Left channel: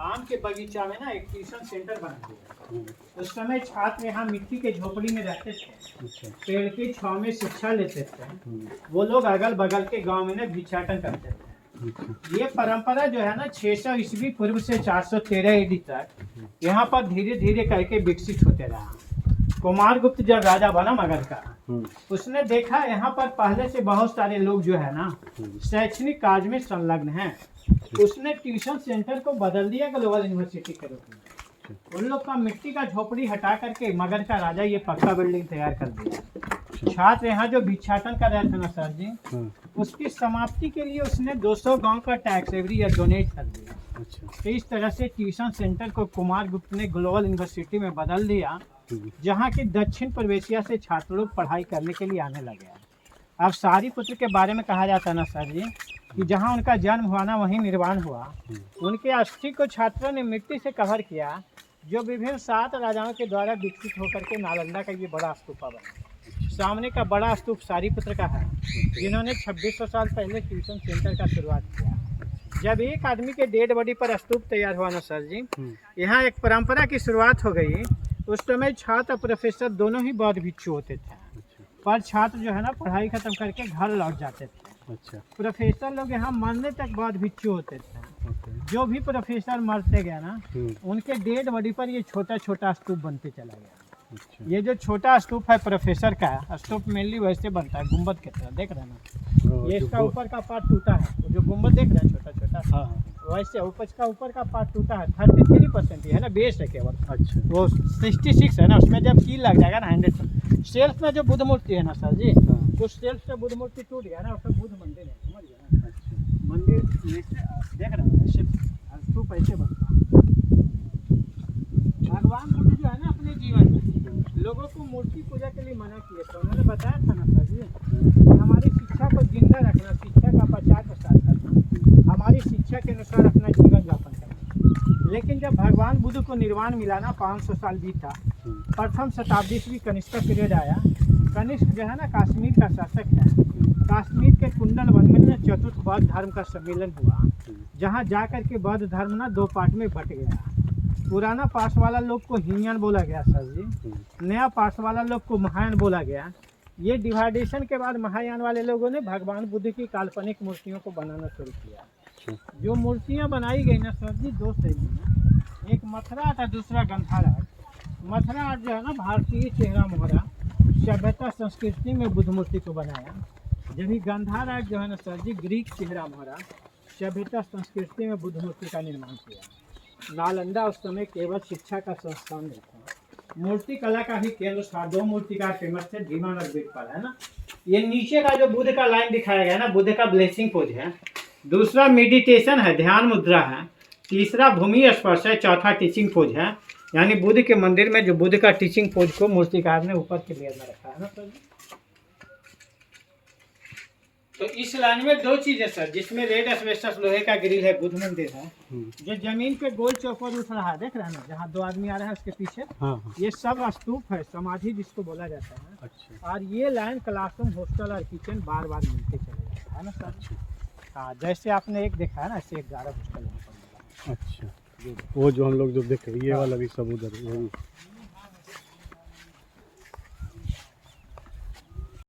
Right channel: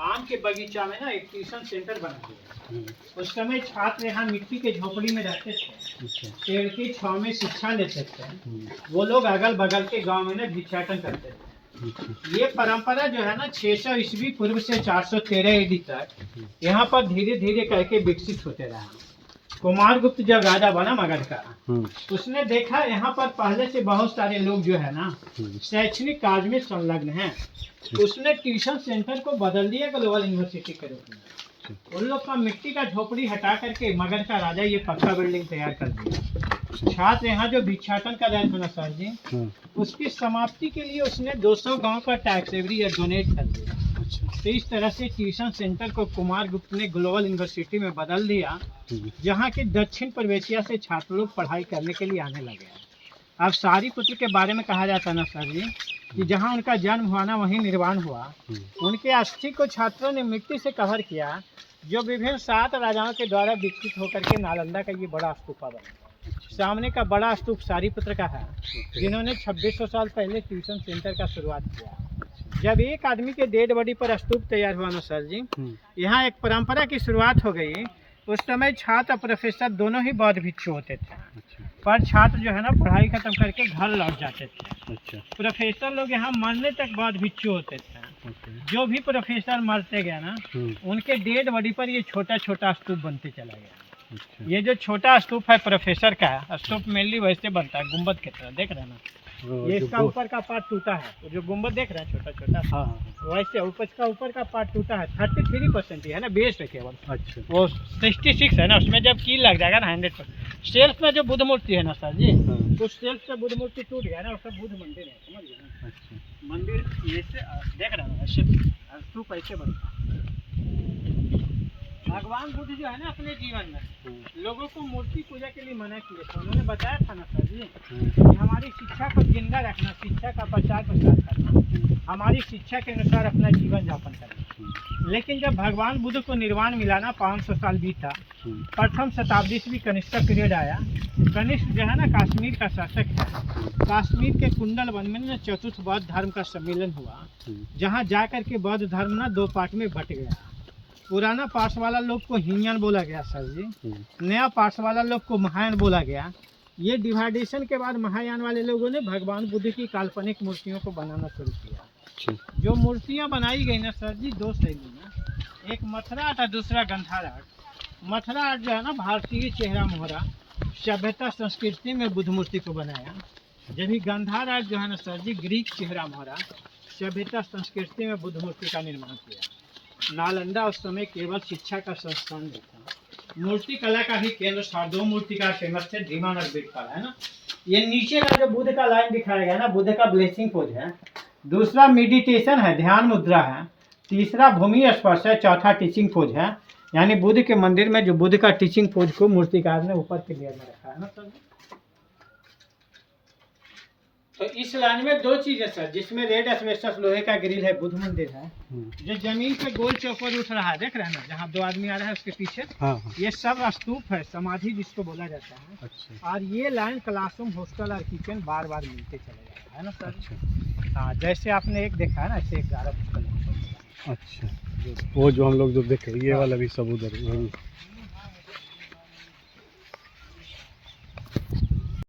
आम के बगीचा में ना एक ट्यूशन सेंटर बना दिया। उस समय छात्र यहाँ मिट्टी के झोपड़ी में रहते थे, पेड़ की छांव में शिक्षा लेते थे। वो लोग अगल बगल के गांव में ना भिक्षाटन करते थे। ये परंपरा जो है ना 600 ईस्वी पूर्व से 413 ईडी तक यहाँ पर धीरे धीरे करके विकसित होते रहा। कुमारगुप्त जब राजा बना मगध का, उसने देखा यहाँ पर पहले से बहुत सारे लोग जो है ना शैक्षणिक कार्य में संलग्न हैं। उसने ट्यूशन सेंटर को बदल दिया ग्लोबल यूनिवर्सिटी के रूप में। उन लोग का मिट्टी का झोपड़ी हटा करके मगध का राजा ये पक्का बिल्डिंग तैयार कर दिया। छात्र यहाँ जो भिक्षाटन कर रहे थे ना सर जी, उसकी समाप्ति के लिए उसने 200 गांव का टैक्स एवरी ईयर डोनेट कर दिया। तो इस तरह से ट्यूशन सेंटर को कुमारगुप्त ने ग्लोबल यूनिवर्सिटी में बदल दिया, जहाँ के दक्षिण पूर्व एशिया से छात्र लोग पढ़ाई करने के लिए आने लगे। अब सारीपुत्र के बारे में कहा जाता ना सर जी कि जहाँ उनका जन्म हुआ ना वहीं निर्वाण हुआ। उनके अस्थि को छात्रों ने मिट्टी से कवर किया, जो विभिन्न 7 राजाओं के द्वारा विकसित होकर के नालंदा का ये बड़ा स्तूपा बना। सामने का बड़ा स्तूप सारीपुत्र का है, जिन्होंने 2600 साल पहले ट्यूशन सेंटर का शुरुआत किया। जब एक आदमी के डेड बॉडी पर स्तूप तैयार हुआ ना सर जी, यहाँ एक परंपरा की शुरुआत हो गई। उस समय छात्र और प्रोफेसर दोनों ही बौद्ध भिक्षु होते थे, पर छात्र जो है ना पढ़ाई खत्म करके घर लौट जाते थे। प्रोफेसर लोग यहाँ मरने तक बौद्ध भिक्षु होते थे। जो भी प्रोफेसर मरते गए ना, उनके डेड बॉडी पर ये छोटा छोटा स्तूप बनते चला गया। ये जो छोटा स्तूप है प्रोफेसर का, स्तूप मेनली वैसे बनता है गुंबद की तरह, देख रहे हैं ना, ये इसका ऊपर का पार्ट टूटा है। जो गुंबद देख रहे हैं छोटा छोटा, वैसे ऊपर का पार्ट टूटा है। 33% ही है ना, बेस है केवल। अच्छा, वो 66 है ना, उसमें जब की लग जाएगा ना 100%। सेल्फ में जो बुद्ध मूर्ति है ना सर जी, तो सेल्फ से बुद्ध मूर्ति टूट गया ना, उसका बुद्ध मंदिर है, समझ गए ना। मंदिर ये देख रहे हैं, स्तूप ऐसे बनता है। भगवान बुद्ध जो है ना अपने जीवन में लोगों को मूर्ति पूजा के लिए मना किया था। उन्होंने बताया था ना सर जी, हमारी शिक्षा को जिंदा रखना, शिक्षा का प्रचार प्रसार करना, हमारी शिक्षा के अनुसार अपना जीवन यापन करना। लेकिन जब भगवान बुद्ध को निर्वाण मिला ना, 500 साल बीता, प्रथम शताब्दी ईस्वी कनिष्क पीरियड आया। कनिष्क जो है ना कश्मीर का शासक है। कश्मीर के कुंडल वन में चतुर्थ बौद्ध धर्म का सम्मेलन हुआ, जहाँ जाकर के बौद्ध धर्म ना 2 पार्ट में बट गया। पुराना पार्ट वाला लोग को हीनयान बोला गया सर जी, नया पार्ट वाला लोग को महायान बोला गया। ये डिवाइडेशन के बाद महायान वाले लोगों ने भगवान बुद्ध की काल्पनिक मूर्तियों को बनाना शुरू किया। जो मूर्तियाँ बनाई गई ना सर जी, 2 शैली में, एक मथुरा आर्ट और दूसरा गंधार आर्ट। मथुरा आर्ट जो है ना भारतीय चेहरा मोहरा सभ्यता संस्कृति में बुद्ध मूर्ति को बनाया, जबकि गंधार आर्ट जो है ना सर जी ग्रीक चेहरा मोहरा सभ्यता संस्कृति में बुद्ध मूर्ति का निर्माण किया। नालंदा उस समय केवल शिक्षा का संस्थान नहीं था, मूर्ति कला का भी केंद्र था। 2 मूर्तिकार फेमस थे, धीमान और बिरबल, है ना। ये नीचे का जो बुद्ध का लाइन दिखाया गया ना, बुद्ध का ब्लेसिंग पोज है। दूसरा मेडिटेशन है, ध्यान मुद्रा है। तीसरा भूमि स्पर्श है। चौथा टीचिंग पोज है, यानी बुद्ध के मंदिर में जो बुद्ध का टीचिंग पोज को मूर्तिकार ने ऊपर के लेयर में रखा है ना सर। तो इस लाइन में 2 चीज़ है सर, जिसमें रेड एस्बेस्टस लोहे का ग्रिल है, बुद्ध मंदिर है। जो जमीन पे गोल चौकोर उठ रहा है, देख रहे हैं ना, जहाँ 2 आदमी आ रहे हैं उसके पीछे, ये सब स्तूप है, समाधि जिसको बोला जाता है। अच्छा। और ये लाइन क्लासरूम, हॉस्टल और किचन बार बार मिलते चले जाता है ना सर। हाँ, जैसे आपने एक देखा है ना, ऐसे 11 पुस्तक। अच्छा, वो जो हम लोग जो देखे ये वाला भी सब उधर